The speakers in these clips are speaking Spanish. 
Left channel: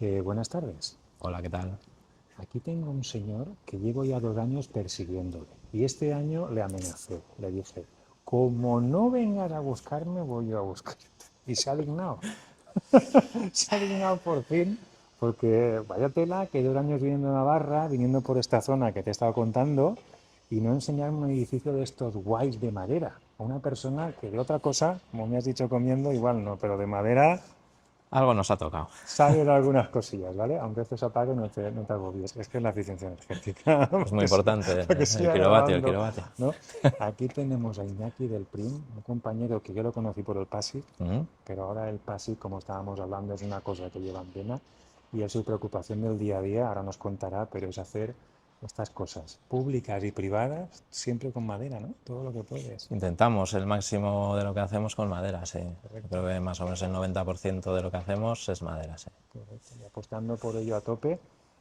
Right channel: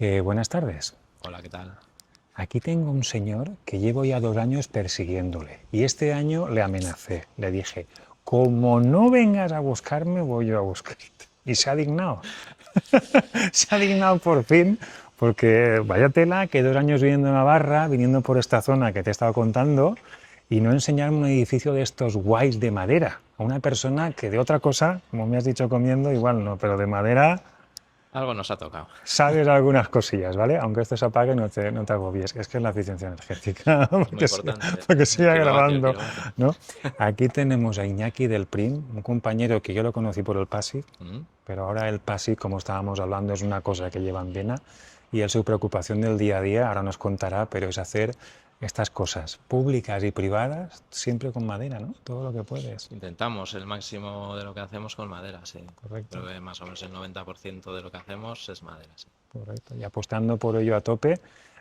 Buenas tardes. Hola, ¿qué tal? Aquí tengo un señor que llevo ya 2 años persiguiéndole y este año le amenacé. Le dije, como no vengas a buscarme, voy yo a buscarte. Y se ha dignado. Se ha dignado por fin, porque vaya tela que 2 años viviendo en Navarra, viniendo por esta zona que te he estado contando, y no enseñarme un edificio de estos guays de madera a una persona que de otra cosa, como me has dicho comiendo, igual no, pero de madera Algo nos ha tocado. sabes algunas cosillas, ¿vale? Aunque esto se apague, no te agobies. Es que es la eficiencia energética, Es muy importante para que el siga kilovatio, el grabando, kilovatio. ¿no? Aquí tenemos a Iñaki del PRIM, un compañero que yo lo conocí por el PASI, Mm. pero ahora el PASI, como estábamos hablando, es una cosa que lleva en vena y él su preocupación del día a día, ahora nos contará, pero es hacer estas cosas públicas y privadas siempre con madera, ¿no? Todo lo que puedes. Intentamos el máximo de lo que hacemos con madera, sí. Correcto. Creo que más o menos el 90% de lo que hacemos es madera, sí. Correcto. Y apostando por ello a tope,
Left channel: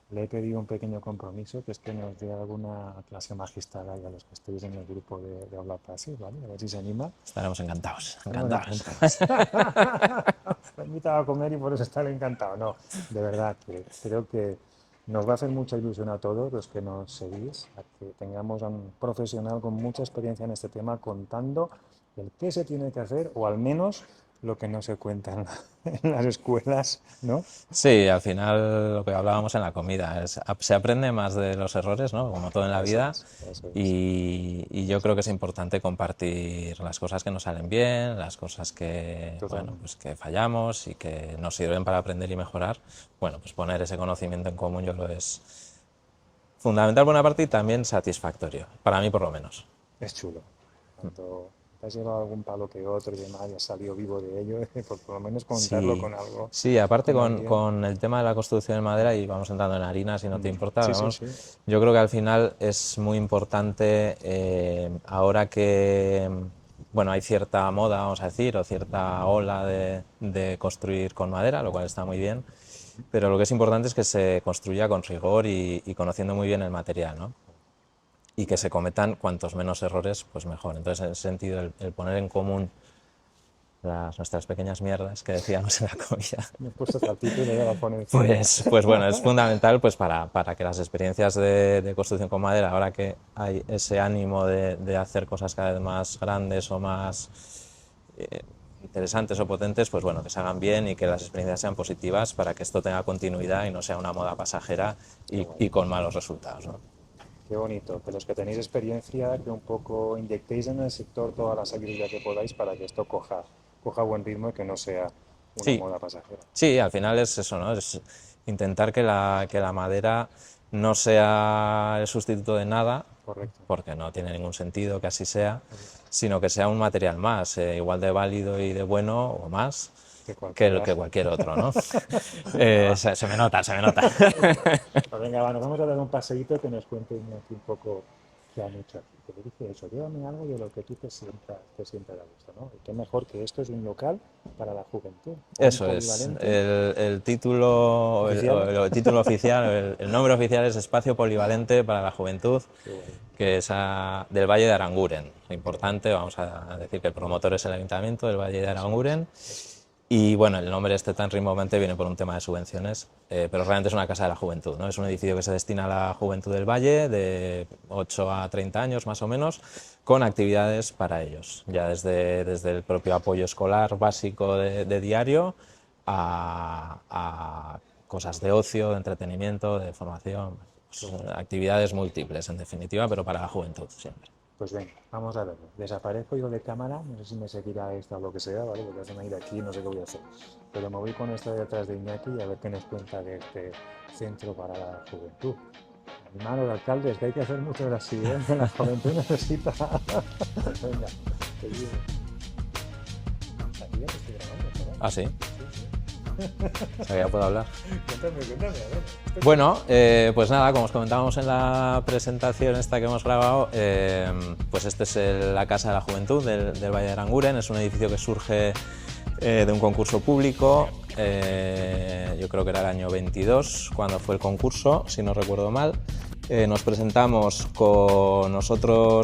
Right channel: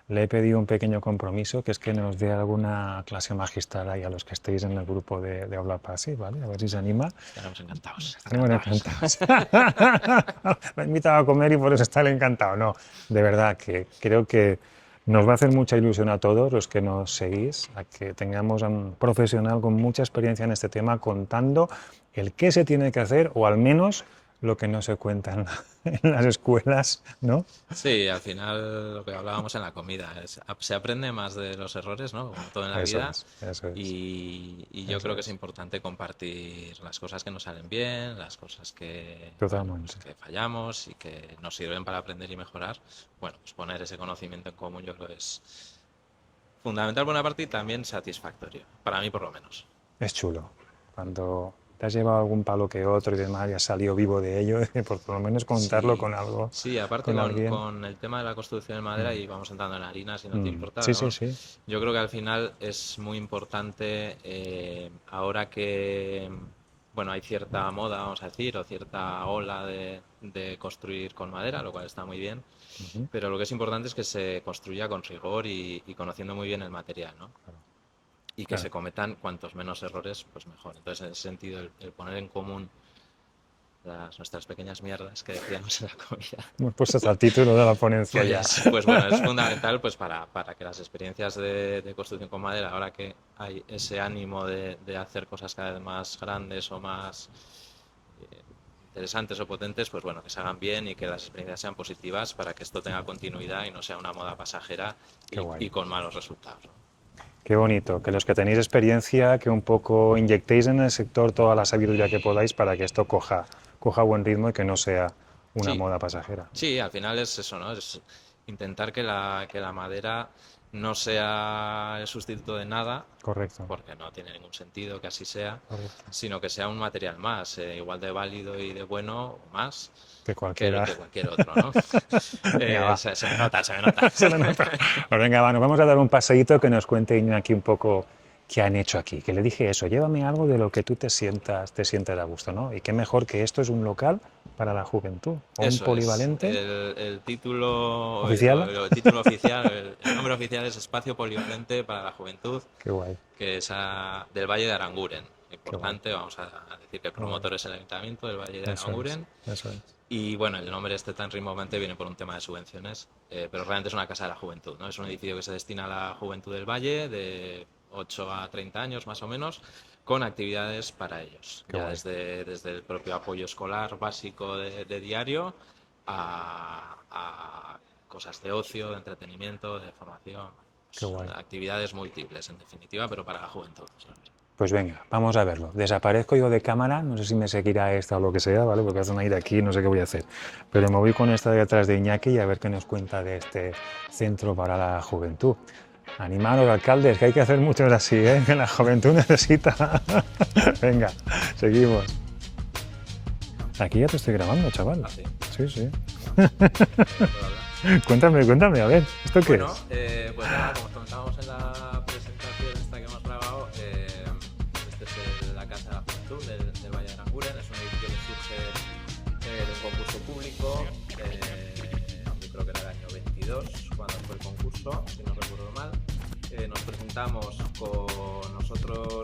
le he pedido un pequeño compromiso, que es que nos dé alguna clase magistral ahí a los que estéis en el grupo de Habla Pasi, ¿vale? A ver si se anima. Estaremos encantados. Estaremos encantados. Me ha invitado a comer y por eso está encantado. No, de verdad que creo que nos va a hacer mucha ilusión a todos los que nos seguís, a que tengamos a un profesional con mucha experiencia en este tema contando el qué se tiene que hacer o al menos lo que no se cuenta en las escuelas, ¿no? Sí, al final lo que hablábamos en la comida, se aprende más de los errores, ¿no? Como todo en la vida. Eso es. Y yo creo que es importante compartir las cosas que nos salen bien, las cosas que, bueno, pues que fallamos y que nos sirven para aprender y mejorar. Bueno, pues poner ese conocimiento en común yo creo que es fundamental por una parte y también satisfactorio, para mí por lo menos. Es chulo. Cuando te has llevado algún palo que otro y demás y has salido vivo de ello, por lo menos contarlo Sí, con algo. sí, aparte con alguien. con el tema de la construcción de madera, y vamos entrando en harina si no te importa, Sí, vamos, sí. yo creo que al final es muy importante ahora que, bueno, hay cierta moda, vamos a decir, o cierta ola de construir con madera, lo cual está muy bien, pero lo que es importante es que se construya con rigor y conociendo muy bien el material, ¿no? Y que se cometan cuantos menos errores, pues mejor. Entonces, en ese sentido, el poner en común nuestras pequeñas mierdas que decíamos en la comida. Hemos puesto hasta el título de la ponencia ya. Pues bueno, es fundamental pues para que las experiencias de construcción con madera, ahora que hay ese ánimo de hacer cosas cada vez más grandes o más interesantes o potentes, pues bueno, que se hagan bien y que las experiencias sean positivas para que esto tenga continuidad y no sea una moda pasajera y con malos resultados, ¿no? Qué bonito, que los que tenéis experiencia, que un poco inyectéis en el sector toda la sabiduría que podáis para que esto coja buen ritmo y que no sea una moda pasajera. Sí, al final es eso, ¿no? Es intentar que la madera no sea el sustituto de nada, Correcto. porque no tiene ningún sentido que así sea, sino que sea un material más, igual de válido y de bueno o más que cualquier otro, ¿no? Se me nota. Pues venga, nos vamos a dar un paseíto que nos cuente Iñaki un poco qué han hecho aquí. Que le dije eso, llévame algo de lo que tú te sientas a gusto, ¿no? Y qué mejor que esto es un local para la juventud, o eso un polivalente. el título ¿Oficial? el título oficial, el nombre oficial es Espacio Polivalente para la Juventud, Qué guay. que es del Valle de Aranguren. Importante, vamos a decir que el promotor es el Ayuntamiento del Valle de Aranguren. Eso es. Y bueno, el nombre tan rimbombante viene por un tema de subvenciones, pero realmente es una casa de la juventud, ¿no? Es un edificio que se destina a la juventud del Valle, de 8 a 30 años más o menos, con actividades para ellos, ya desde el propio apoyo escolar básico de diario a cosas de ocio, de entretenimiento, de formación, actividades múltiples en definitiva, pero para la juventud siempre. Pues venga, vamos a verlo. Desaparezco yo de cámara, no sé si me seguirá esta o lo que sea, ¿vale? Porque es una ida aquí, no sé qué voy a hacer. Pero me voy con esta de atrás de Iñaki y a ver qué nos cuenta de este centro para la juventud. Animaros, alcaldes, que hay que hacer muchos así, ¿eh? Que la juventud necesita. Venga, seguimos. Aquí ya te estoy grabando, chaval. ¿Ah, sí? Sí. Ya puedo hablar. Cuéntame, a ver. ¿Esto qué Bueno, pues nada, como os comentábamos en la presentación esta que hemos grabado, pues este es la Casa de la Juventud del Valle de Aranguren. Es un edificio que surge de un concurso público, yo creo que era el año 22 cuando fue el concurso, si no recuerdo mal. Nos presentamos con otro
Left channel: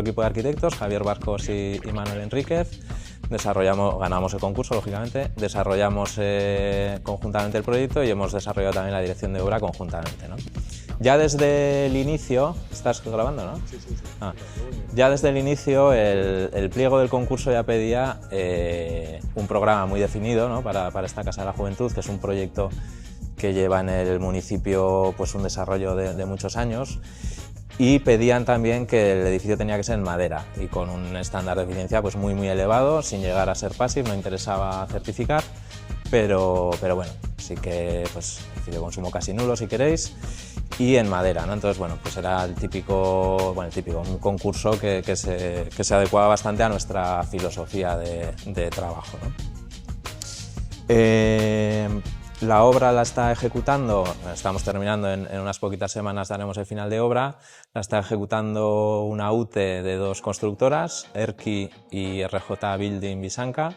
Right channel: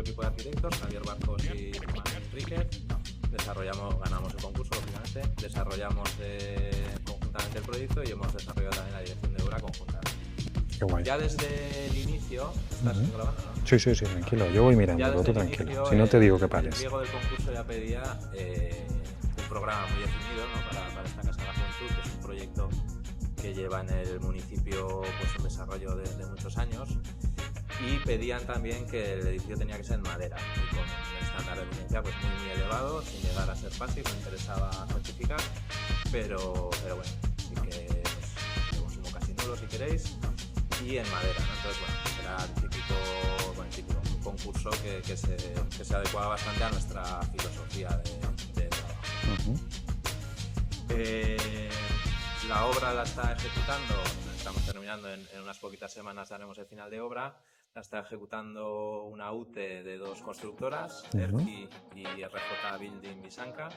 equipo de arquitectos, Javier Barcos y Manuel Enríquez. ganamos el concurso, lógicamente, desarrollamos conjuntamente el proyecto y hemos desarrollado también la dirección de obra conjuntamente, ¿no? Qué guay. Ya desde el inicio, ¿estás grabando, no? Sí, tranquilo, yo voy mirando. Ya desde el inicio, Si no te digo que el pares. pliego del concurso ya pedía un programa muy definido, ¿no? para esta Casa de la Juventud, que es un proyecto que lleva en el municipio pues, un desarrollo de muchos años, y pedían también que el edificio tenía que ser en madera y con un estándar de eficiencia pues, muy elevado, sin llegar a ser PASIF, no interesaba certificar, pero bueno, sí que pues, de consumo casi nulo si queréis, y en madera, ¿no? Entonces, bueno, pues era el típico, un concurso que se adecuaba bastante a nuestra filosofía de trabajo, ¿no? La obra la está ejecutando, estamos terminando, en unas poquitas semanas daremos el final de obra, la está ejecutando una UTE de 2 constructoras, Erki y RJ Building Visanca,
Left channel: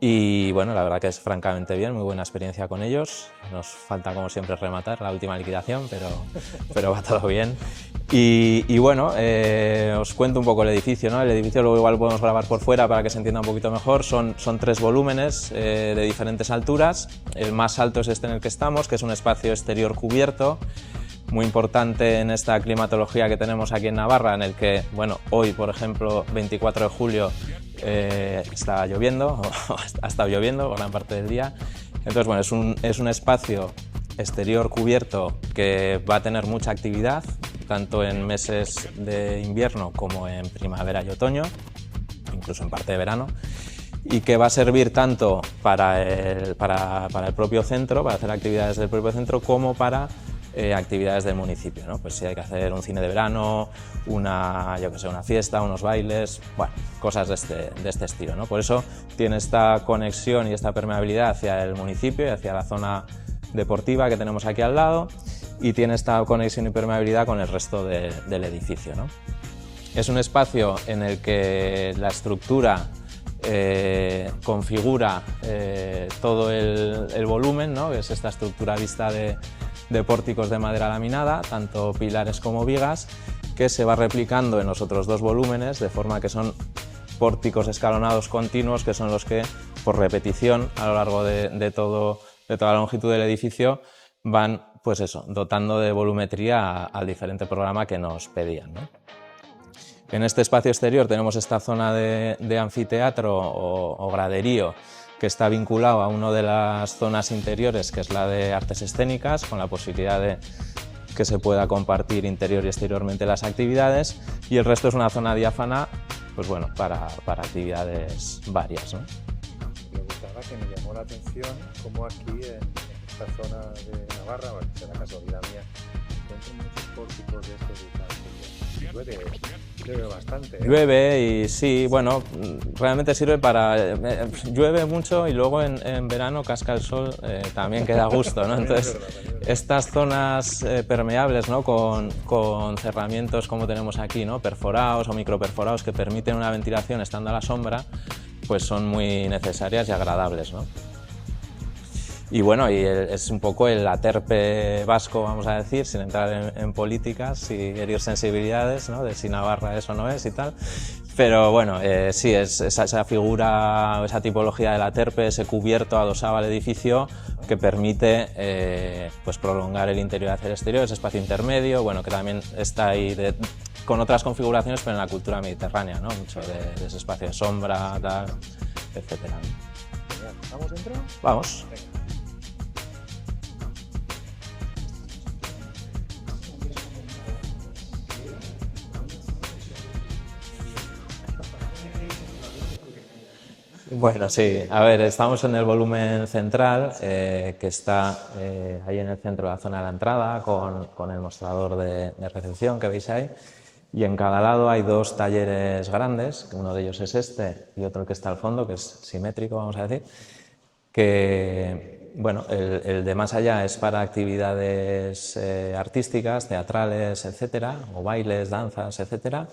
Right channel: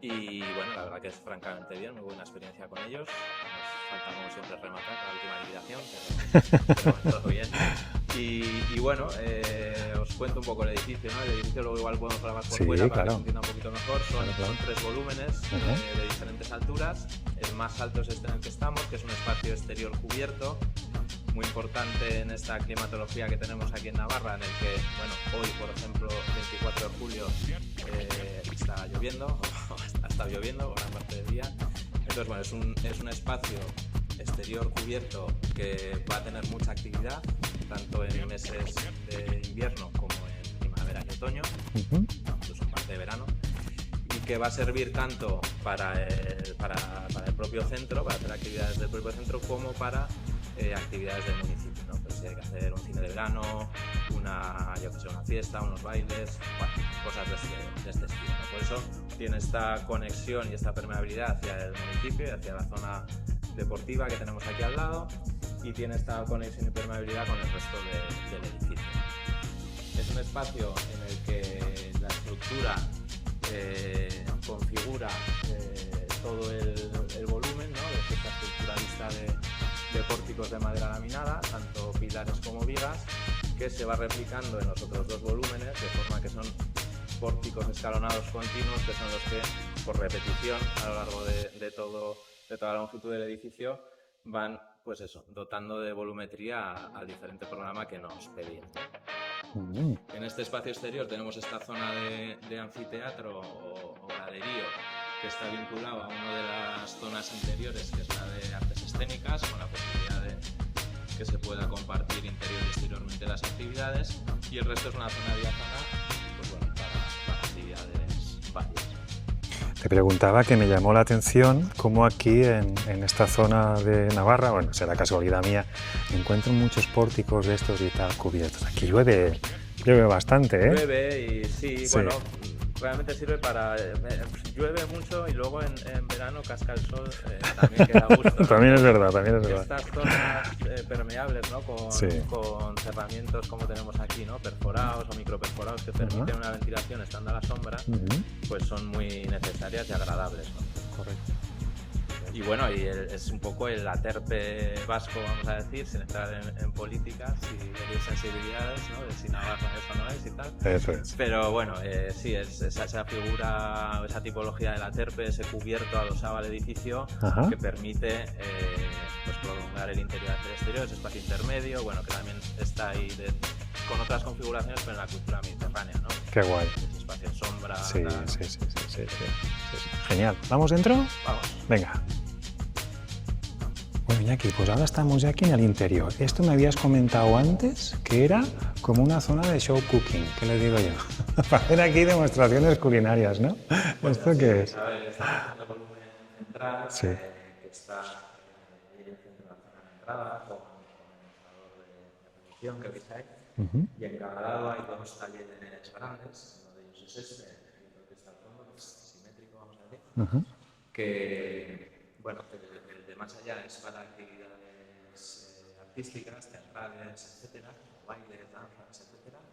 y bueno, la verdad que es francamente bien, muy buena experiencia con ellos, nos falta como siempre rematar la última liquidación, pero va todo bien. Y bueno, os cuento un poco el edificio, ¿no? El edificio luego igual podemos grabar por fuera para que se entienda un poquito mejor. Son 3 volúmenes de diferentes alturas. El más alto es este en el que estamos, que es un espacio exterior cubierto, muy importante en esta climatología que tenemos aquí en Navarra, en el que, bueno, hoy, por ejemplo, 24 de julio, está lloviendo, o ha estado lloviendo gran parte del día. Entonces, bueno, es un espacio exterior cubierto que va a tener mucha actividad, tanto en meses de invierno como en primavera y otoño, incluso en parte de verano, y que va a servir tanto para el propio centro, para hacer actividades del propio centro, como para actividades del municipio, ¿no? Pues si hay que hacer un cine de verano, una fiesta, unos bailes, bueno, cosas de este estilo, ¿no? Por eso tiene esta conexión y esta permeabilidad hacia el municipio y hacia la zona deportiva que tenemos aquí al lado, y tiene esta conexión y permeabilidad con el resto del edificio, ¿no? Es un espacio en el que la estructura configura todo el volumen, ¿no? Es esta estructura vista de pórticos de madera laminada, tanto pilares como vigas, que se va replicando en los otros 2 volúmenes, de forma que son pórticos escalonados continuos, que son los que, por repetición, a lo largo de toda la longitud del edificio, van, pues eso, dotando de volumetría al diferente programa que nos pedían, ¿no? En este espacio exterior tenemos esta zona de anfiteatro o graderío, que está vinculado a una de las zonas interiores, que es la de artes escénicas, con la posibilidad de que se pueda compartir interior y exteriormente las actividades, y el resto es una zona diáfana, pues bueno, para actividades varias, ¿no? Te preguntaba, que me llamó la atención cómo aquí en esta zona de Navarra, bueno, será casualidad mía, encuentro muchos pórticos de estos y tal cubiertos. Aquí llueve bastante, ¿eh? Llueve y sí, bueno, realmente sirve para... llueve mucho y luego en verano casca el sol, también queda a gusto, ¿no? También Entonces, es verdad. estas zonas permeables, ¿no? Con cerramientos como tenemos aquí, ¿no? Perforados o microperforados, que permiten una ventilación estando a la sombra, pues son muy necesarias y agradables, ¿no? Y bueno, es un poco el aterpe vasco, vamos a decir, sin entrar en políticas y herir sensibilidades, ¿no? De si Navarra eso no es y tal. Pero bueno, sí, es esa figura, esa tipología del aterpe, ese cubierto adosado al edificio, que permite pues prolongar el interior hacia el exterior, ese espacio intermedio, bueno, que también está ahí con otras configuraciones, pero en la cultura mediterránea, ¿no? Qué guay. Ese espacio de sombra, tal, etcétera. Genial. ¿Vamos dentro? Vamos. Venga. Bueno, Iñaki, pues ahora estamos ya aquí en el interior. Esto me habías comentado antes que era como una zona de show cooking, ¿qué le digo yo? Para hacer aquí demostraciones culinarias, ¿no? Bueno, sí. A ver, estamos en el volumen central, que está ahí en el centro de la zona de la entrada, con el mostrador de recepción que veis ahí. Y en cada lado hay 2 talleres grandes, que uno de ellos es este y otro el que está al fondo, que es simétrico, vamos a decir, que... Bueno, el de más allá es para actividades artísticas, teatrales, etcétera, o bailes, danzas, etcétera,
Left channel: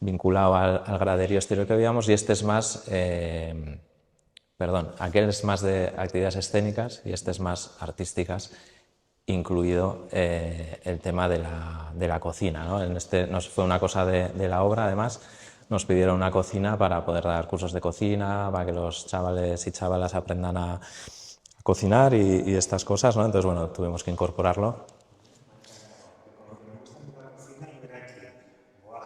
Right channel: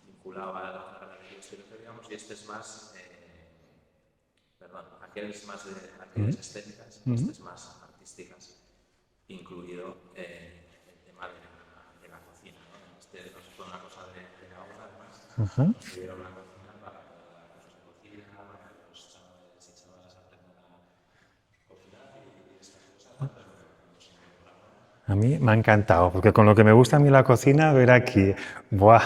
vinculado al graderío exterior que veíamos, y este es más, aquel es más de actividades escénicas y este es más artísticas incluido el tema de la cocina, ¿no? Nos fue una cosa de la obra, además, nos pidieron una cocina para poder dar cursos de cocina, para que los chavales y chavalas aprendan a cocinar y estas cosas, ¿no? Entonces, bueno, tuvimos que incorporarlo. A mí me ha encantado, porque con lo que me gusta a mí la cocina, ver aquí, ¡buah!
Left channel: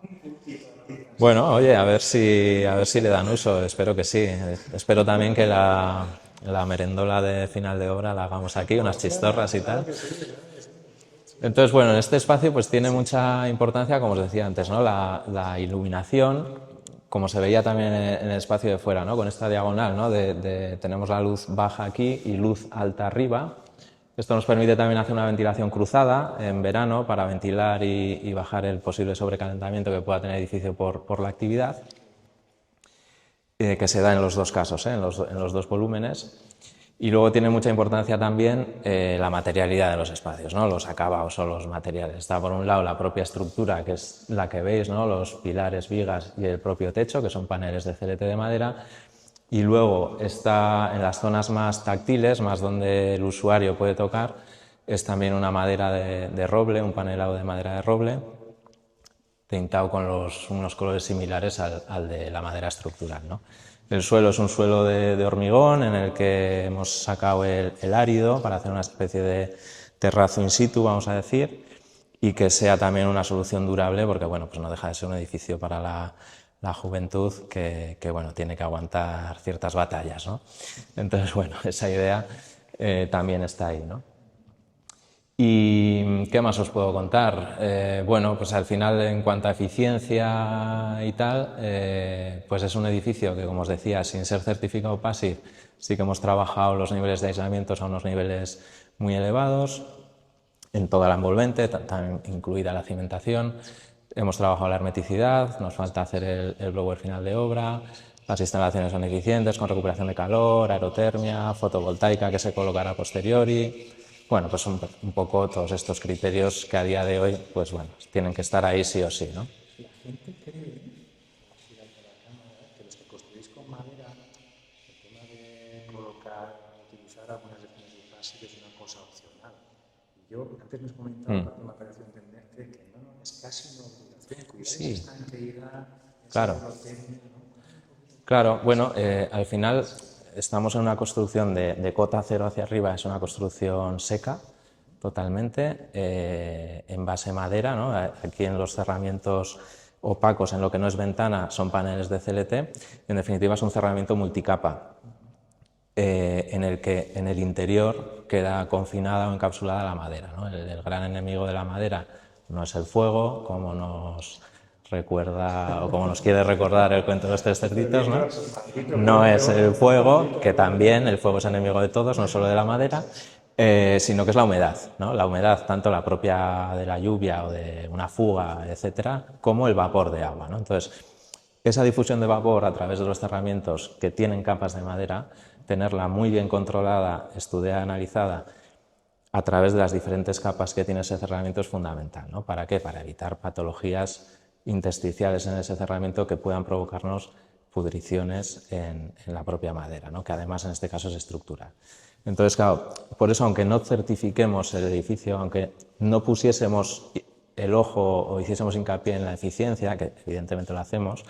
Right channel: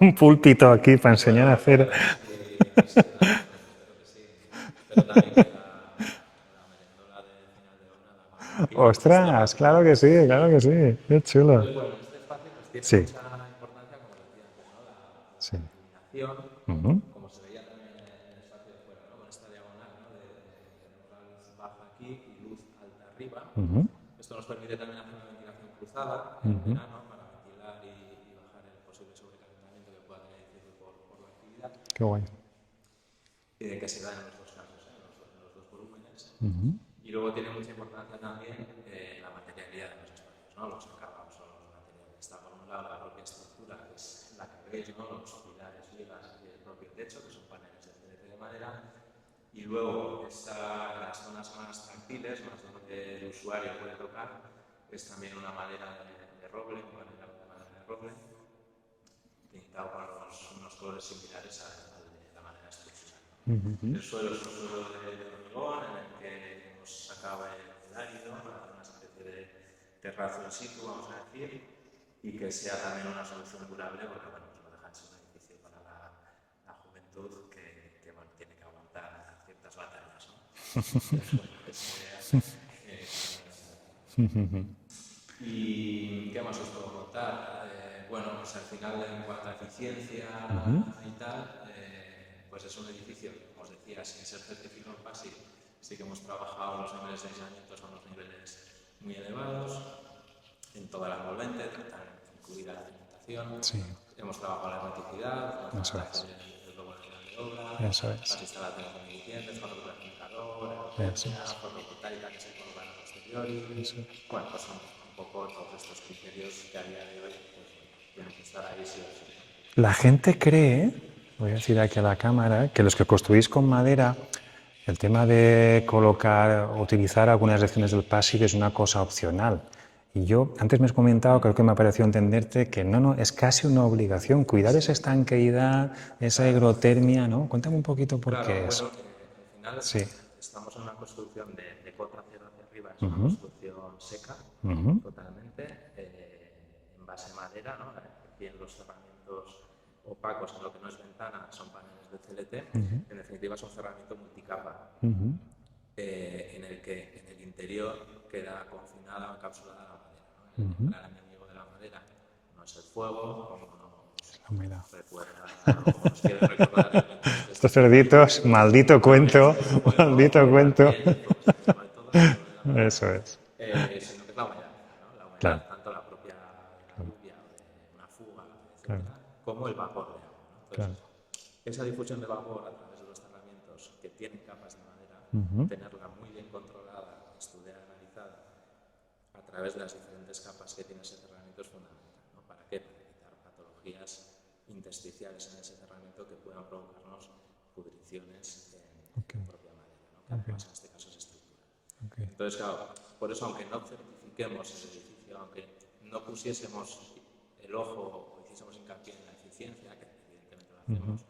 Un púlpito aquí para enseñar Bueno, a oye, hacer. a ver si le dan uso, espero que sí. Espero también que la merendola de final de obra la hagamos aquí, unas ¡Ostras! chistorras y tal. Claro que sí, qué chulo. Entonces, bueno, en este espacio pues tiene Sí. mucha importancia, como os decía antes, ¿no? La iluminación, como se veía también en el espacio de fuera, ¿no? Con esta diagonal, ¿no? Tenemos la luz baja aquí y luz alta arriba. Esto nos permite también hacer una ventilación cruzada en verano para ventilar y bajar el posible sobrecalentamiento que pueda tener el edificio por la actividad. Qué guay. Que se da en los dos casos, en los dos volúmenes. Y luego tiene mucha importancia también la materialidad de los espacios, ¿no? Los acabados o los materiales. Está por un lado la propia estructura, que es la que veis, ¿no? Los pilares, vigas y el propio techo, que son paneles de CLT de madera. Y luego está en las zonas más táctiles, más donde el usuario puede tocar, es también una madera de roble, un panelado de madera de roble, pintado con unos colores similares al de la madera estructural, ¿no? El suelo es un suelo de hormigón en el que hemos sacado el árido para hacer una especie de terrazo in situ, vamos a decir, y que sea también una solución durable, porque bueno, pues no deja de ser un edificio para la juventud que bueno, tiene que aguantar ciertas batallas, ¿no? Entonces, bueno, esa idea también está ahí, ¿no? ¿Y qué más os puedo contar? Bueno, pues al final, en cuanto a eficiencia y tal, pues es un edificio que, como os decía, sin ser certificado PASIF, sí que hemos trabajado los niveles de aislamiento a unos niveles muy elevados, en toda la envolvente, también incluida la cimentación. Sí. Hemos trabajado la hermeticidad, nos falta hacer el blower final de obra, las instalaciones son eficientes, con recuperación de calor, aerotermia, fotovoltaica que se colocará a posteriori. Bueno, pues un poco todos estos criterios que a día de hoy, pues bueno, tienen que estar ahí sí o sí, ¿no? La gente cree, voy a decir aquí a la cámara, que los que construís con madera, el tema de colocar, utilizar algunas secciones del PASIF es una cosa opcional. Y yo, antes me has comentado, creo que me ha parecido entenderte que no, es casi una obligación, cuidar esa estanqueidad, esa higrotermia, ¿no? Cuéntame un poquito por qué. Claro, bueno, al final estamos en una construcción de cota cero hacia arriba, es una construcción seca, totalmente, en base madera, ¿no? Aquí en los cerramientos opacos, en lo que no es ventana, son paneles de CLT, en definitiva es un cerramiento multicapa. En el que en el interior queda confinada o encapsulada la madera, ¿no? El gran enemigo de la madera no es el fuego, como nos recuerda o como nos quiere recordar el cuento de estos cerditos, ¿no? Maldito cuento. No es el fuego, que también el fuego es enemigo de todos, no solo de la madera, sino que es la humedad, ¿no? La humedad, tanto la propia de la lluvia o de una fuga, etcétera, como el vapor de agua, ¿no? Entonces, esa difusión de vapor a través de los cerramientos que tienen capas de madera, tenerla muy bien controlada, estudiada, analizada, a través de las diferentes capas que tiene ese cerramiento es fundamental, ¿no? ¿Para qué? Para evitar patologías intersticiales en ese cerramiento que puedan provocarnos pudriciones en la propia madera, ¿no? Que además en este caso es estructural. Entonces, claro, por eso aunque no certifiquemos el edificio, aunque no pusiésemos el ojo o hiciésemos hincapié en la eficiencia, que evidentemente lo hacemos,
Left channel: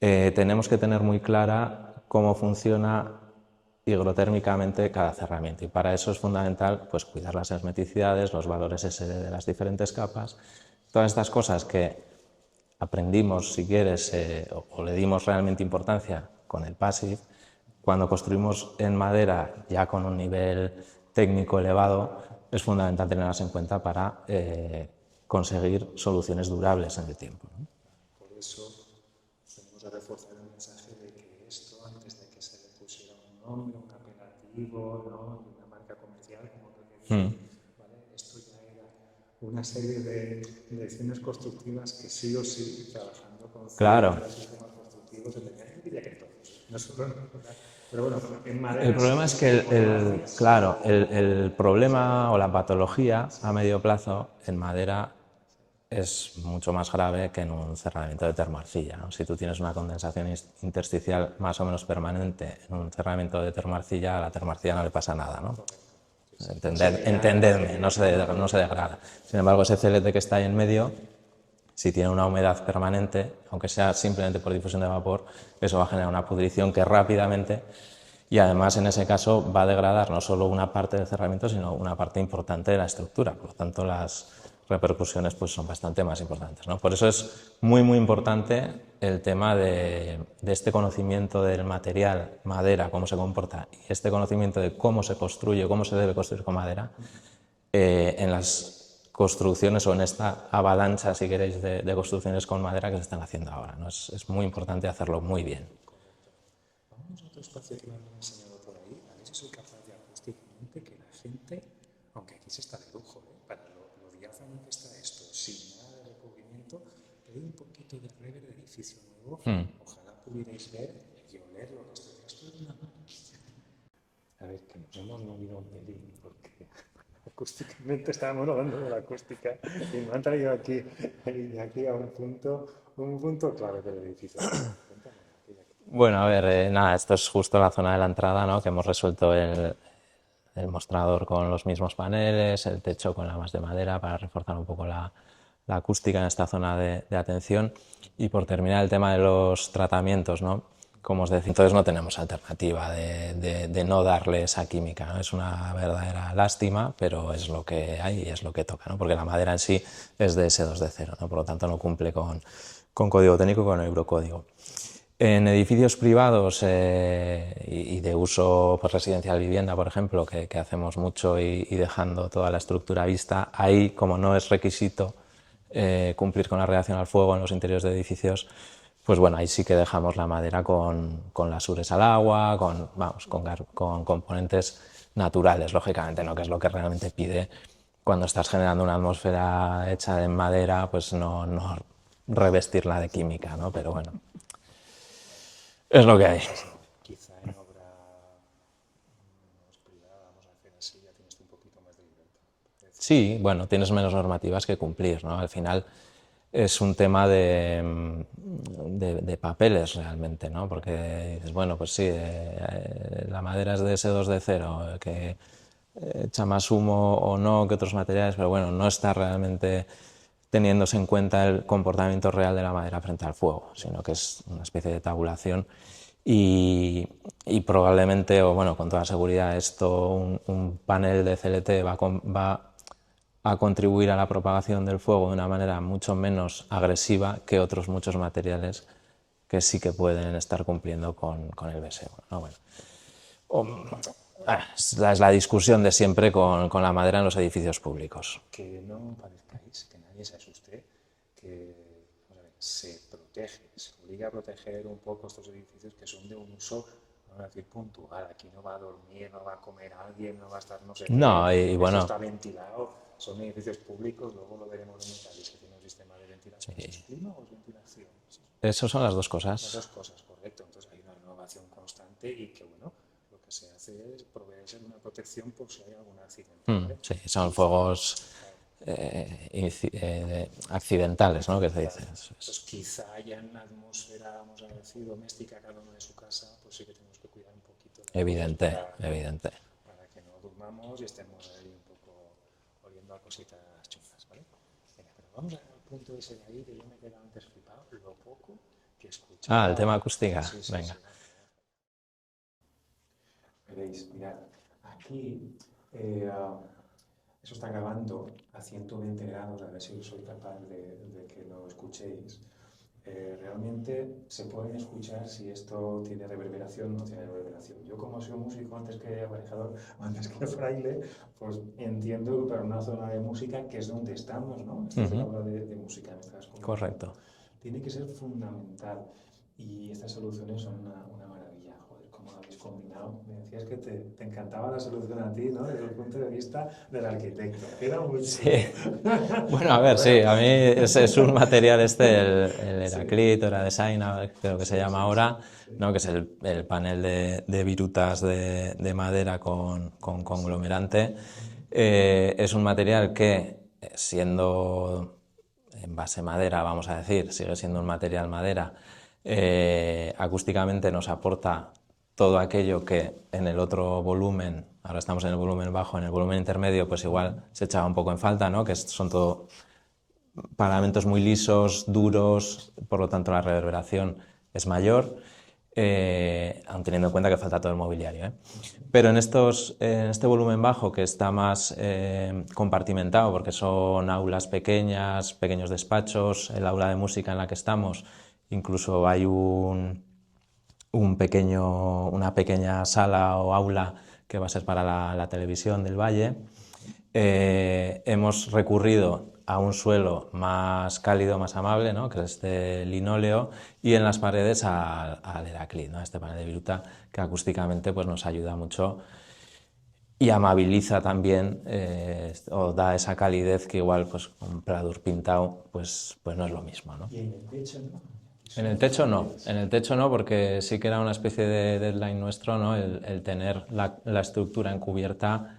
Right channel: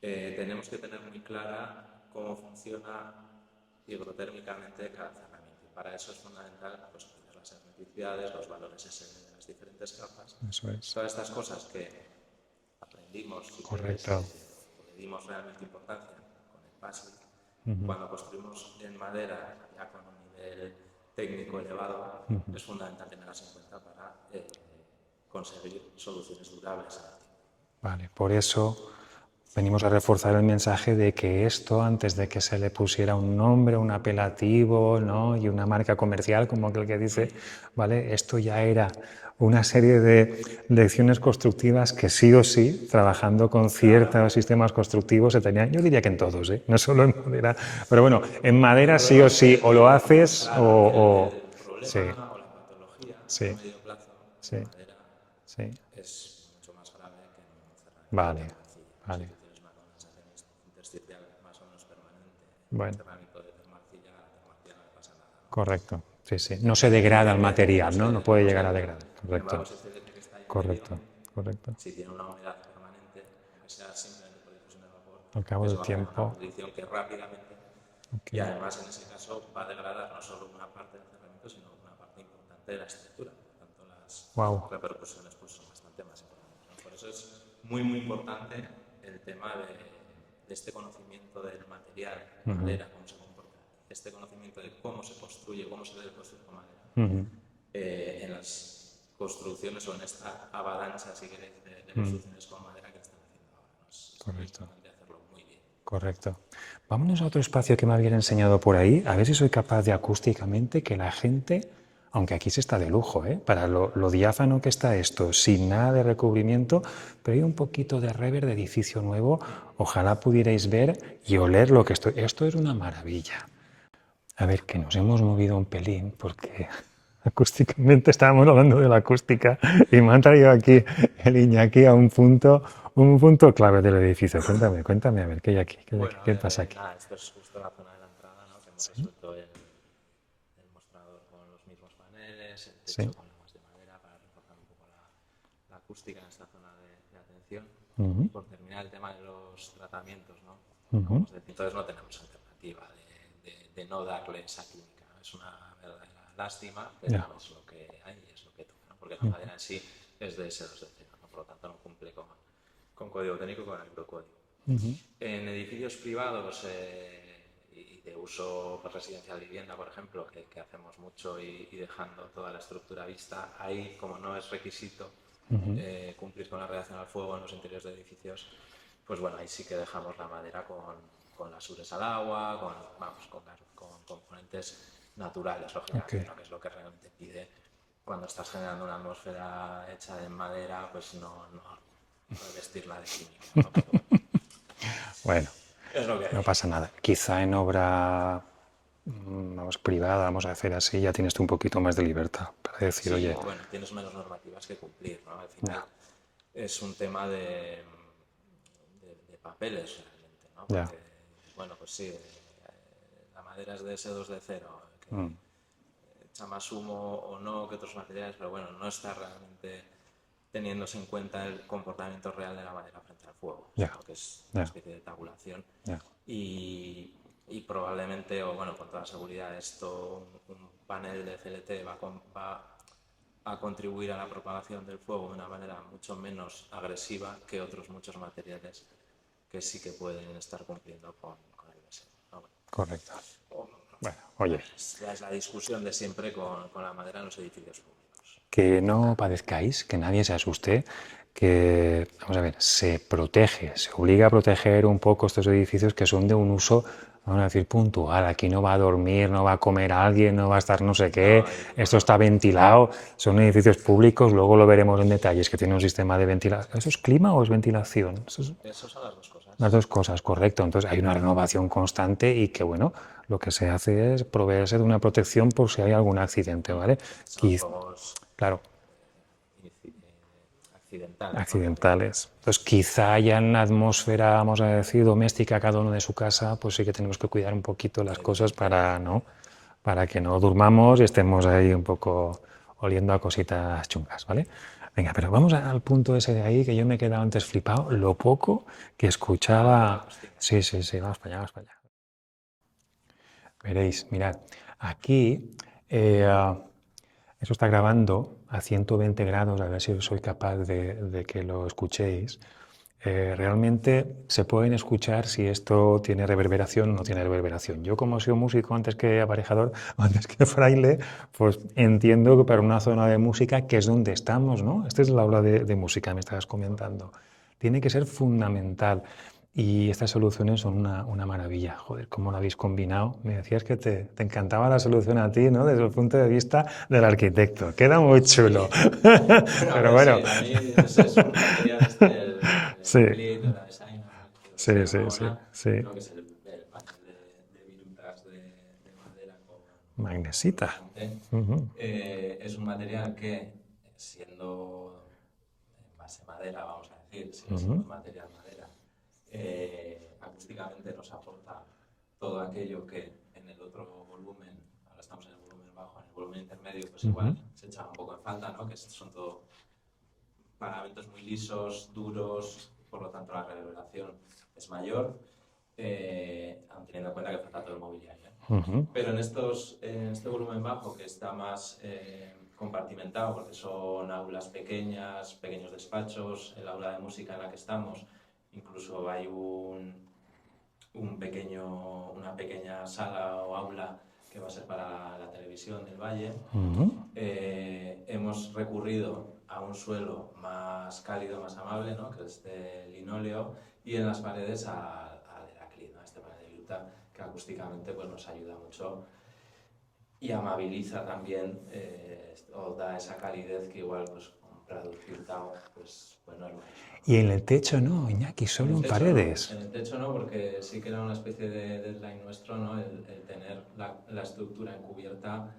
tenemos que tener muy clara cómo funciona higrotérmicamente cada cerramiento, y para eso es fundamental pues, cuidar las hermeticidades, los valores SD de las diferentes capas, todas estas cosas que aprendimos, si quieres, o le dimos realmente importancia con el PASIF. Cuando construimos en madera ya con un nivel técnico elevado, es fundamental tenerlas en cuenta para conseguir soluciones durables en el tiempo, ¿no? Vale, por eso venimos a reforzar el mensaje de que esto, antes de que se le pusiera un nombre, un apelativo, ¿no? Y una marca comercial, como aquel que dice, ¿vale? Esto ya era una serie de lecciones constructivas que sí o sí, trabajando con ciertos sistemas constructivos, se tenían, yo diría que en todos, no solo en madera, pero bueno, en madera sí o sí, o lo haces claro, o... el problema o la patología a medio plazo en madera Sí. es mucho más grave que en un cerramiento Vale. de termarcilla, ¿no? Si tú tienes una condensación intersticial más o menos permanente en un Bueno. cerramiento de termarcilla, a la termarcilla no le pasa nada, ¿no? Correcto. Sí, sí. No se degrada el No material, ¿no? No puede no se llegar a degrada. nada. Sin Correcto. embargo, ese CLT que está ahí en medio, Correcto. si tiene una humedad permanente, aunque sea simplemente por difusión de vapor, Al cabo eso del va a generar una tiempo. pudrición que rápidamente, y además en ese caso va a degradar no solo una parte del cerramiento, sino una parte importante de la estructura. Por lo tanto, las Wow. repercusiones pues, son bastante más importantes, ¿no? Por eso es muy, muy importante el tema de este conocimiento del material, madera, cómo se comporta, y este conocimiento de cómo se construye, cómo se debe construir con madera, en las construcciones o en esta avalancha, si queréis, de construcciones con madera que se están haciendo ahora, ¿no? Es muy importante hacerlo muy bien. Correcto. Vámonos a otro espacio que me habían enseñado por ahí, a ver si soy capaz de acústicamente que la gente, aunque aquí se está de lujo, para lo diáfano que está esto, sin nada de recubrimiento, pero hay un poquito de rever de edificio nuevo, ojalá pudierais ver y oler lo que estoy. Esto es una maravilla. A ver, que nos hemos movido un pelín porque acústicamente estábamos hablando de la acústica y me han traído aquí el Iñaki a un punto clave del edificio. Cuéntame, a ver, ¿qué hay aquí? Bueno, a ¿Qué ver, pasa aquí? nada, esto es justo la zona de la entrada, ¿no? Que hemos resuelto el mostrador con los mismos paneles, el Sí. techo con la más de madera para reforzar un poco la acústica en esta zona de atención. Y por terminar el tema de los tratamientos, ¿no? Como os decía, entonces no tenemos alternativa de no darle esa química, ¿no? Es una verdadera lástima, pero es lo que hay y es lo que toca, ¿no? Porque la madera en sí es de S2D0, ¿no? Por lo tanto no cumple con código técnico y con el eurocódigo. En edificios privados y de uso pues, residencial vivienda, por ejemplo, que hacemos mucho y dejando toda la estructura vista, ahí como no es requisito cumplir con la reacción al fuego en los interiores de edificios, pues bueno, ahí sí que dejamos la madera con las ures al agua, con componentes naturales, lógicamente, ¿no? Que es lo que realmente pide cuando estás generando una atmósfera hecha de madera, pues no revestirla de química, ¿no? Pero bueno, Bueno, es lo que hay. no pasa nada. Quizá en obra vamos, privada, vamos a hacer así, ya tienes tú un poquito más de libertad para decir, Sí, oye, bueno, tienes menos normativas que cumplir, ¿no? Al final es un tema de papeles realmente, ¿no? ya, Porque dices, bueno, pues sí, la madera es de S2D0, que echa más humo o no que otros materiales, pero bueno, no está realmente teniéndose en cuenta el comportamiento real de la madera frente al fuego, sino que es una especie de tabulación y probablemente, o bueno, con toda seguridad, un panel de CLT va a contribuir a la propagación del fuego de una manera mucho menos agresiva que otros muchos materiales que sí que pueden estar cumpliendo con el BSE, ¿no? Bueno, correcto. Bueno, oye, es la discusión de siempre con la madera en los edificios públicos. que no padezcáis, que nadie se asuste, que, vamos a ver, se protege, se obliga a proteger un poco estos edificios que son de un uso, vamos a decir, puntual. Aquí no va a dormir, no va a comer alguien, no va a estar no sé qué, No, y esto bueno, está ventilado, son edificios públicos, luego lo veremos en detalles, que tiene un sistema de ventilación. ¿Eso es clima o es ventilación? Eso es eso son las dos las cosas. dos cosas, correcto. Entonces hay una renovación constante y que, bueno, lo que se hace es proveerse de una protección por si hay algún accidente, ¿vale? Sí, son fuegos Claro, accidentales, ¿no? Que se dice. accidentales. Entonces, quizá ya en la atmósfera, vamos a decir, doméstica, cada uno de su casa, pues sí que tenemos que cuidar un poquito las cosas para, ¿no? Evidente. Para que no durmamos y estemos ahí un poco oliendo a cositas chungas, ¿vale? Venga, pero vamos al punto ese de ahí que yo me he quedado antes flipado, lo poco que Ah, el tema escuchaba. acústica. Sí, sí, Venga. sí, vamos para allá, vamos para allá. Veréis, mirad, aquí eso está grabando a 120 grados, a ver si soy capaz de que lo escuchéis. Realmente se pueden escuchar si esto tiene reverberación o no tiene reverberación. Yo como he sido músico antes que aparejador, antes que fraile, pues entiendo que para una zona de música, que es donde estamos, ¿no? Esta es la aula de música, me estabas comentando. Correcto. Tiene que ser fundamental. Y estas soluciones son una maravilla. Joder, cómo lo habéis combinado. Me decías que te encantaba la solución a ti, ¿no? Desde el punto de vista del arquitecto. Queda muy chulo. Bueno, a Pero ver, sí, bueno. a mí es un material el Sí, Evaclit o la Design, creo que se sí, llama sí, sí, ahora, sí. ¿no? Que es el panel de virutas de madera con Magnesita. conglomerante. Es un material que, siendo en base madera, vamos a decir, sigue siendo un material madera, acústicamente nos aporta todo aquello que en el otro volumen, ahora estamos en el volumen bajo, en el volumen intermedio, pues igual se echaba un poco en falta, ¿no? Que son todo paramentos muy lisos, duros, por lo tanto la reverberación es mayor, aun teniendo en cuenta que falta todo el mobiliario, ¿eh? Pero en este volumen bajo, que está más compartimentado, porque son aulas pequeñas, pequeños despachos, el aula de música en la que estamos, incluso hay una pequeña sala o aula que va a ser para la televisión del Valle. Hemos recurrido a un suelo más cálido, más amable, ¿no? Que es de linóleo, y en las paredes al Heraclit, ¿no? Este panel de viruta que acústicamente pues, nos ayuda mucho y amabiliza también, o da esa calidez que igual pues, un Pladur pintado pues no es lo mismo, ¿no? Y en el techo no, Iñaki, solo En el techo paredes. no, en el techo no, porque sí que era una especie de deadline nuestro, ¿no? El tener la estructura encubierta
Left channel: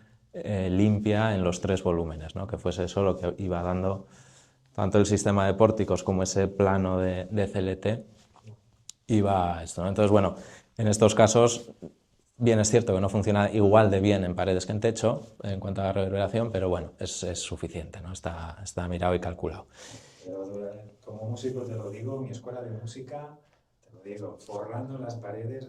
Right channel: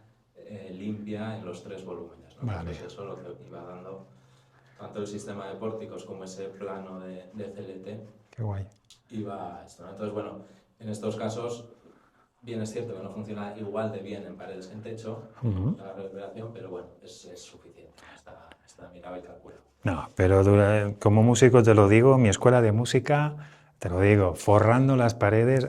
limpia en los 3 volúmenes, ¿no? Que fuese eso lo que iba dando tanto el sistema de pórticos como ese plano de CLT. Qué guay. Iba esto, ¿no? Entonces, bueno, en estos casos, bien es cierto que no funciona igual de bien en paredes que en techo en cuanto a la reverberación, pero bueno, es suficiente, ¿no? Está mirado y calculado. No, pero como músico te lo digo, mi escuela de música, te lo digo, forrando las paredes,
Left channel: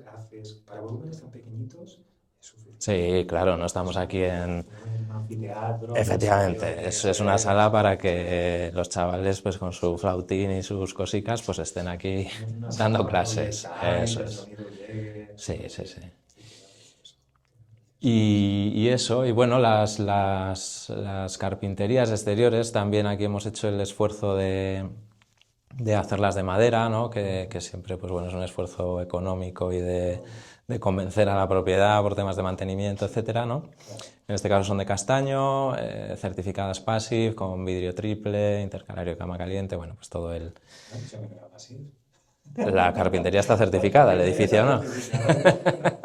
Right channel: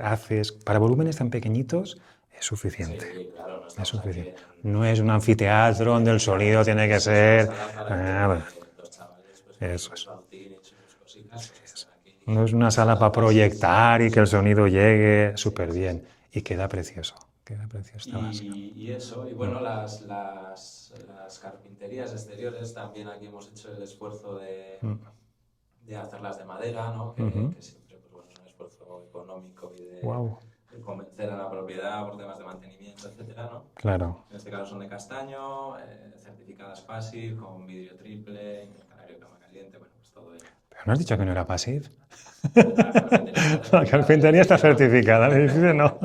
para volúmenes tan pequeñitos, es suficiente. Sí, claro, no estamos aquí en... No es un anfiteatro donde el sonido tiene que ser... Es una sala para que bueno, los chavales pues con su flautín y sus cosicas pues estén aquí. no es una sala dando para clases. proyectar y Eso que el es. sonido llegue súper Sí, bien. sí. Y queda precioso. Queda precioso. Y eso, y bueno, las carpinterías exteriores, también aquí hemos hecho el esfuerzo de hacerlas de madera, ¿no? Que siempre pues, bueno, es un esfuerzo económico y de convencer a la propiedad por temas de mantenimiento, etcétera, ¿no? Claro. En este caso son de castaño, certificadas Passive, con vidrio triple, intercalario de cama caliente, bueno, pues todo el... ¿No has dicho que no era Passive? La carpintería está certificada. La carpintería está edificio, ¿no? certificada, el edificio no.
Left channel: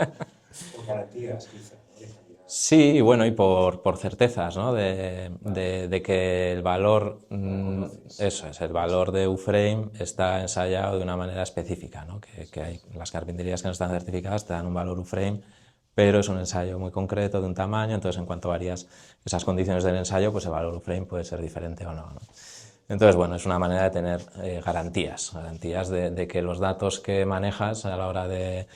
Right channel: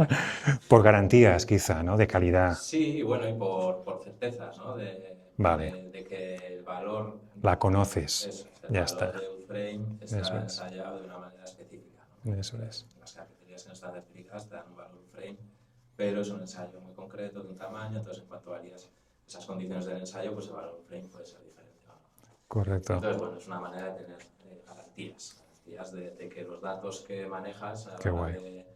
Por garantías, quizá, ¿no? De calidad. Sí, y bueno, y por certezas, ¿no? Vale. De que el valor... La conoces. Eso es, el Ya valor está. de U-Frame está Eso es. ensayado de una manera específica, ¿no? Que hay las carpinterías que no están certificadas te dan un valor U-Frame, pero es un ensayo muy concreto de un tamaño, entonces en cuanto varías esas condiciones del ensayo, pues el valor U-Frame puede ser diferente o no, ¿no? Correcto. Entonces, bueno, es una manera de tener garantías de que los datos que manejas a la hora de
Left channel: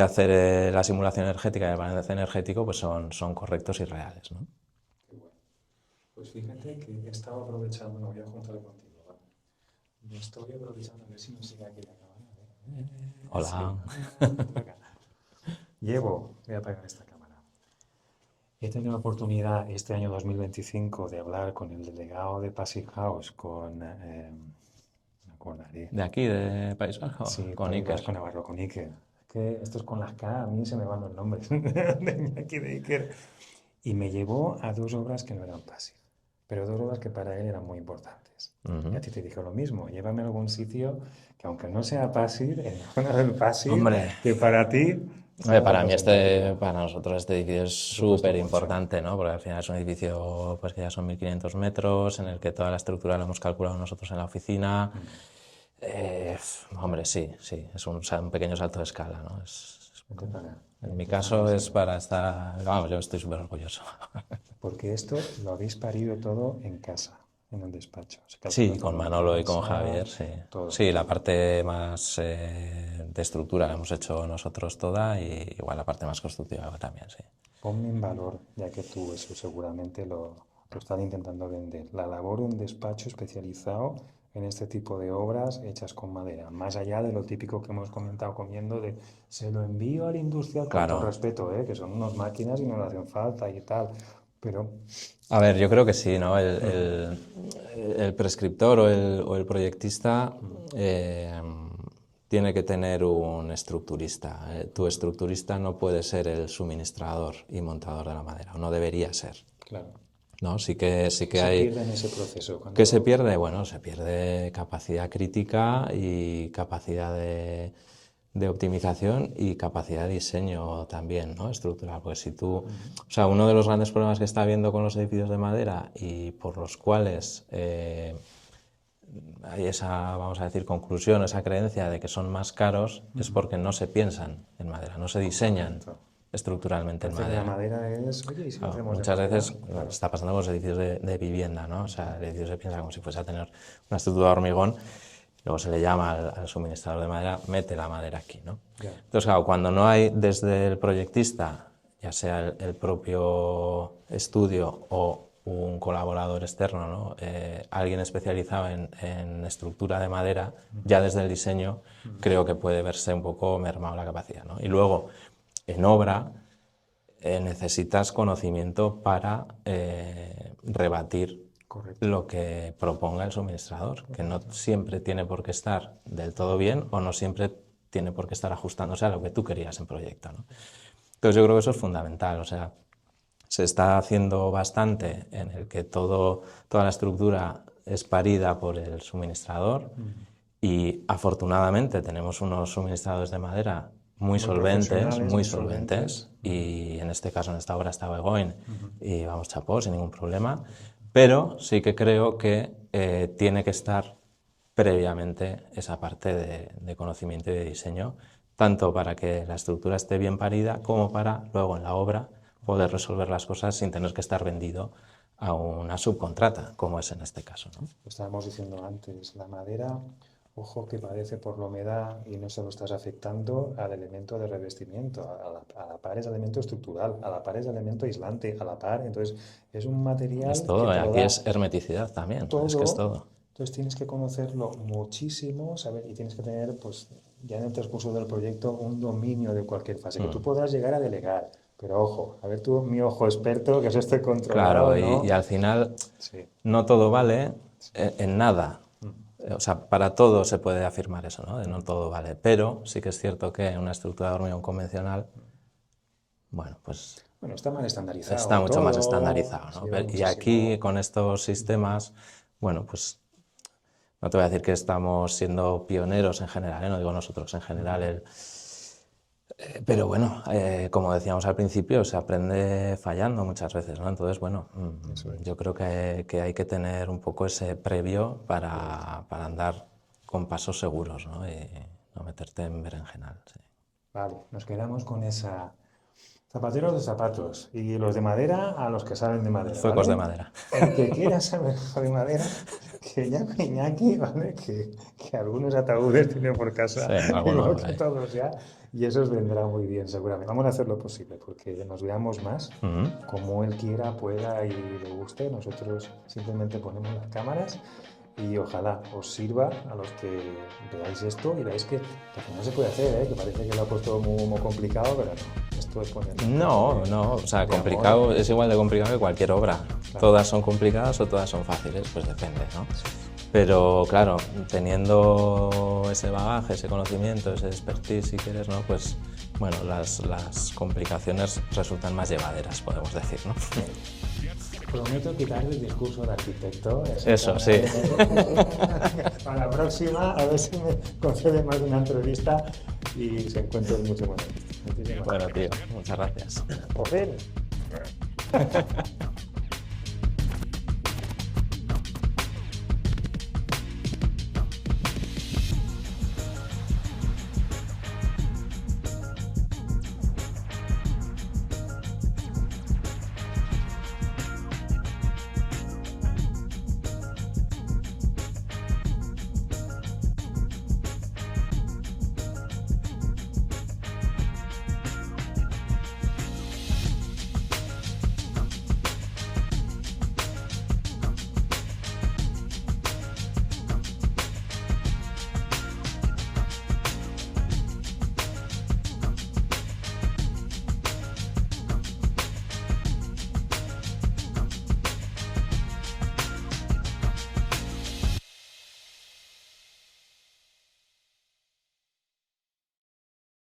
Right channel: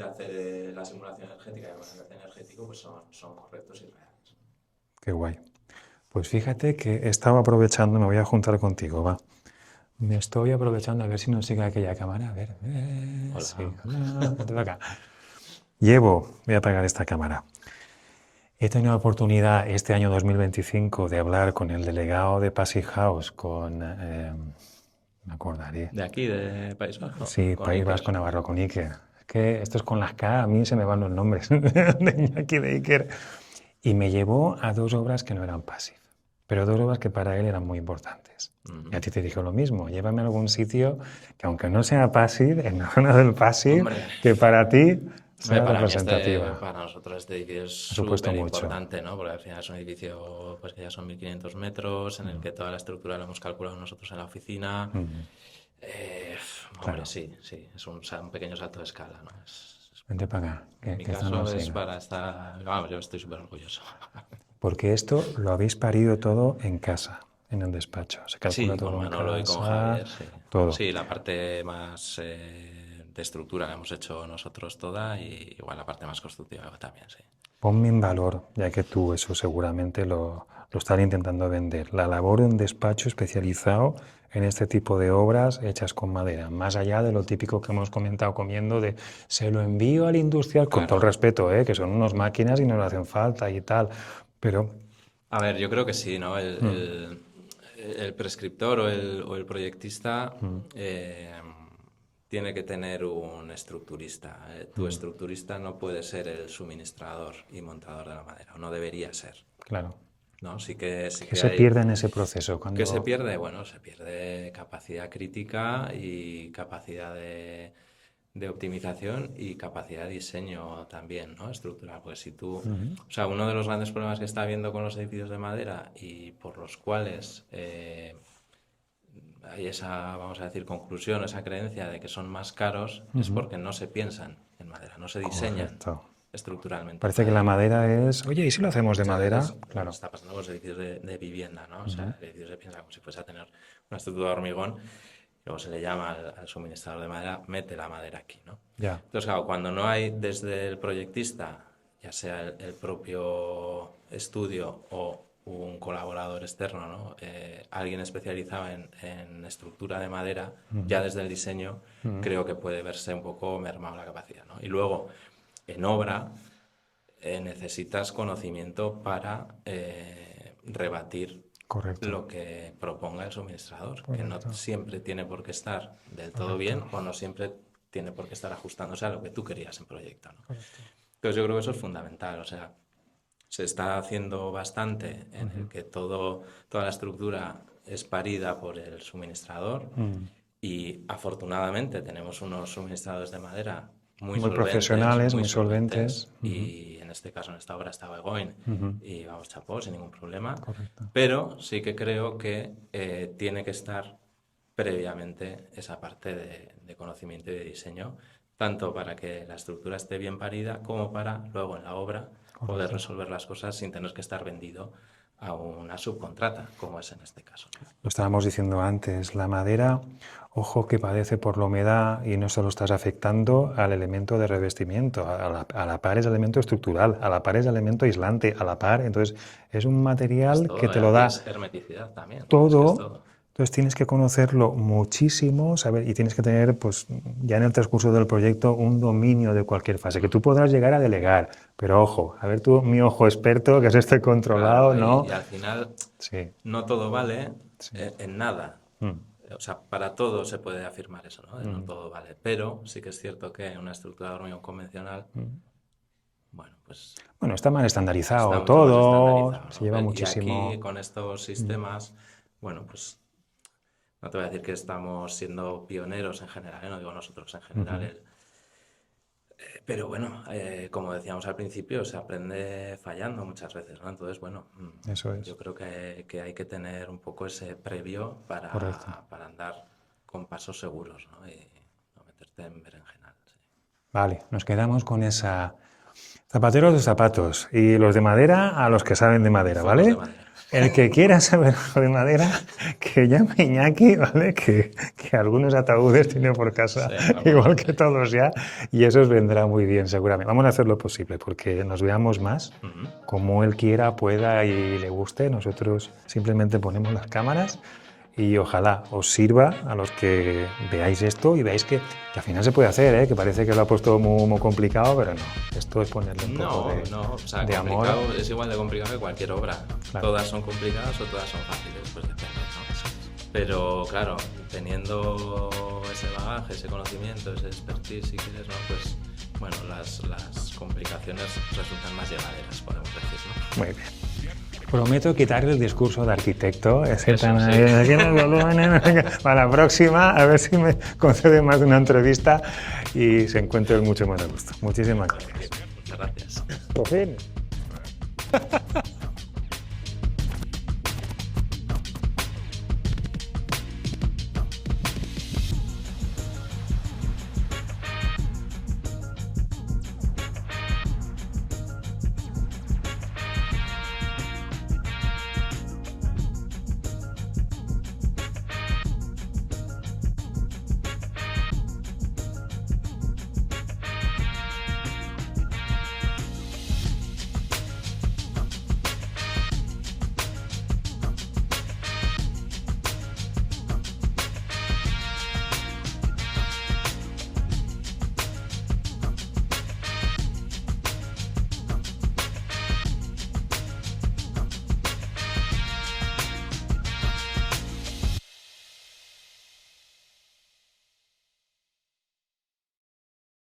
hacer la simulación energética y el balance energético pues son correctos y reales, ¿no? Qué guay. Pues fíjate que estaba aprovechando, me voy a juntar contigo, va. Me estoy aprovechando a ver si nos sigue aquella cámara. A ver. Hola. Sí. Ven acá. Voy a apagar esta cámara. He tenido la oportunidad este año 2025 de hablar con el delegado de Passive House, me acordaré. ¿De aquí, de País Vasco? Sí, Con País Iker. Vasco Navarro, con Iker. Es que estos con las K, a mí se me van los nombres de Iñaki, de Iker. Y me llevó a 2 obras que no eran Passive, pero 2 obras que para él eran muy importantes. Y a ti te dijo lo mismo, llévame a algún sitio que aunque no sea Passive, en la zona del Passive, Hombre. que para ti sea Para representativa. para nosotros este edificio es supuesto súper mucho. importante, ¿no? Porque al final es un edificio pues, que ya son 1500 metros, en el que toda la estructura la hemos calculado nosotros en la oficina. Hombre, sí, es un pequeño salto de escala, ¿no? Vente para acá. En mi que caso estamos es así, ¿no? para estar... Vamos, yo estoy súper orgulloso. Porque esto lo habéis parido todo en casa, en el despacho. Se calcula Sí, todo con en Manolo y con casa, Javier, sí. Todo. Sí, la parte más de estructura la hemos hecho nosotros toda y igual la parte más constructiva también, sí. Ponme en valor, ya que tú eso seguramente lo estarás intentando vender, la labor de un despacho especializado en este tipo de obras hechas con madera, más allá de lo típico que hemos comentado comiendo de se lo envío al industrial, con todo el respeto, que son unas máquinas y no le hacen falta y tal, pero... A ver, yo creo que sí, ¿no? El prescriptor o el proyectista tiene que tener un estructurista. Tu estructurista no puede ser el suministrador y montador de la madera, no debería ser. Claro. ¿No? Sí que ¿Qué se hay... pierde en ese proceso? ¿Qué se pierde? Bueno, se pierde capacidad crítica y capacidad de optimización y capacidad de diseño también, ¿no? Estructural. Pues si tú... O sea, uno de los grandes problemas que está habiendo con los edificios de madera y por los cuales hay esa, vamos a decir, conclusión, esa creencia de que son más caros, es porque no se piensan en madera, no se diseñan estructuralmente. Parece que la madera es, oye, ¿y si lo hacemos de Muchas madera? veces, Claro. está pasando con los edificios de vivienda, ¿no? O sea, el edificio se piensa como si fuese a tener una estructura de hormigón, luego se le llama al suministrador de madera, mete la madera aquí, ¿no? Ya. Entonces, claro, cuando no hay desde el proyectista, ya sea el propio estudio o un colaborador externo, ¿no? Alguien especializado en estructura de madera, ya desde el diseño, creo que puede verse un poco mermado la capacidad, ¿no? Y luego, en obra, necesitas conocimiento para rebatir Correcto. lo que proponga el suministrador, que no siempre tiene por qué estar del todo bien o no siempre tiene por qué estar ajustándose a lo que tú querías en proyecto, ¿no? Entonces yo creo que eso es fundamental, o sea, se está haciendo bastante en el que toda la estructura es parida por el suministrador y afortunadamente tenemos unos suministradores de madera muy solventes, profesionales, muy muy solventes. y en este caso, en esta obra está Begoin y vamos, chapó, sin ningún problema. Pero sí que creo que tiene que estar previamente esa parte de conocimiento y de diseño, tanto para que la estructura esté bien parida como para luego en la obra poder resolver las cosas sin tener que estar vendido a una subcontrata, como es en este caso, ¿no? Lo estábamos diciendo antes, la madera, ojo que padece por la humedad y no solo estás afectando al elemento de revestimiento, a la par es elemento estructural, a la par es elemento aislante, a la par, entonces es un material Es todo, que te lo da es hermeticidad también, todo. es que es todo. Entonces tienes que conocerlo muchísimo, saber, y tienes que tener, pues, ya en el transcurso del proyecto, un dominio de cualquier fase, que tú podrás llegar a delegar, pero ojo, a ver tú, mi ojo experto, que es este controlado, Claro, ¿no? y al final Sí. no todo vale en nada. O sea, para todo se puede afirmar eso, ¿no? No todo vale, pero sí que es cierto que en una estructura de hormigón convencional, bueno, pues Bueno, está mal estandarizado está mucho todo, más estandarizado, ¿no? se lleva Y muchísimo. aquí, con estos sistemas, bueno, pues no te voy a decir que estamos siendo pioneros en general, no digo nosotros, en general. Pero bueno, como decíamos al principio, se aprende fallando muchas veces, ¿no? Entonces, bueno, Eso es. yo creo que hay que tener un poco ese previo para andar con pasos seguros, ¿no? Y no meterte en berenjenal. Sí. Vale, nos quedamos con esa... Zapateros de zapatos y los de madera a los que saben de madera, Focos ¿vale? de madera. El que quiera saber algo de madera, que llame a Iñaki, ¿vale? Que algunos ataúdes tiene por casa, Sí, algunos igual hay. que todos ya, y eso os vendrá muy bien seguramente. Vamos a hacer lo posible porque nos veamos más, como él quiera, pueda y le guste. Nosotros simplemente ponemos las cámaras y ojalá os sirva a los que veáis esto y veáis que al final se puede hacer, ¿eh? Que parece que lo ha puesto muy complicado, pero no. Esto es ponerle un poco No, o sea, de complicado amor. es igual de complicado que cualquier obra. Todas son complicadas o todas son fáciles, pues depende, ¿no? Pero claro, teniendo ese bagaje, ese conocimiento, ese expertise, si quieres, ¿no? Pues bueno, las complicaciones resultan más llevaderas, podemos decir, ¿no? Muy bien. Prometo quitar el discurso de arquitecto. Ese Eso, tan sí. ahí, aquí en el volumen. Para la próxima, a ver si me concede más de una entrevista y se encuentre mucho más a gusto. Muchísimas Bueno, gracias. tío, muchas gracias. Por fin.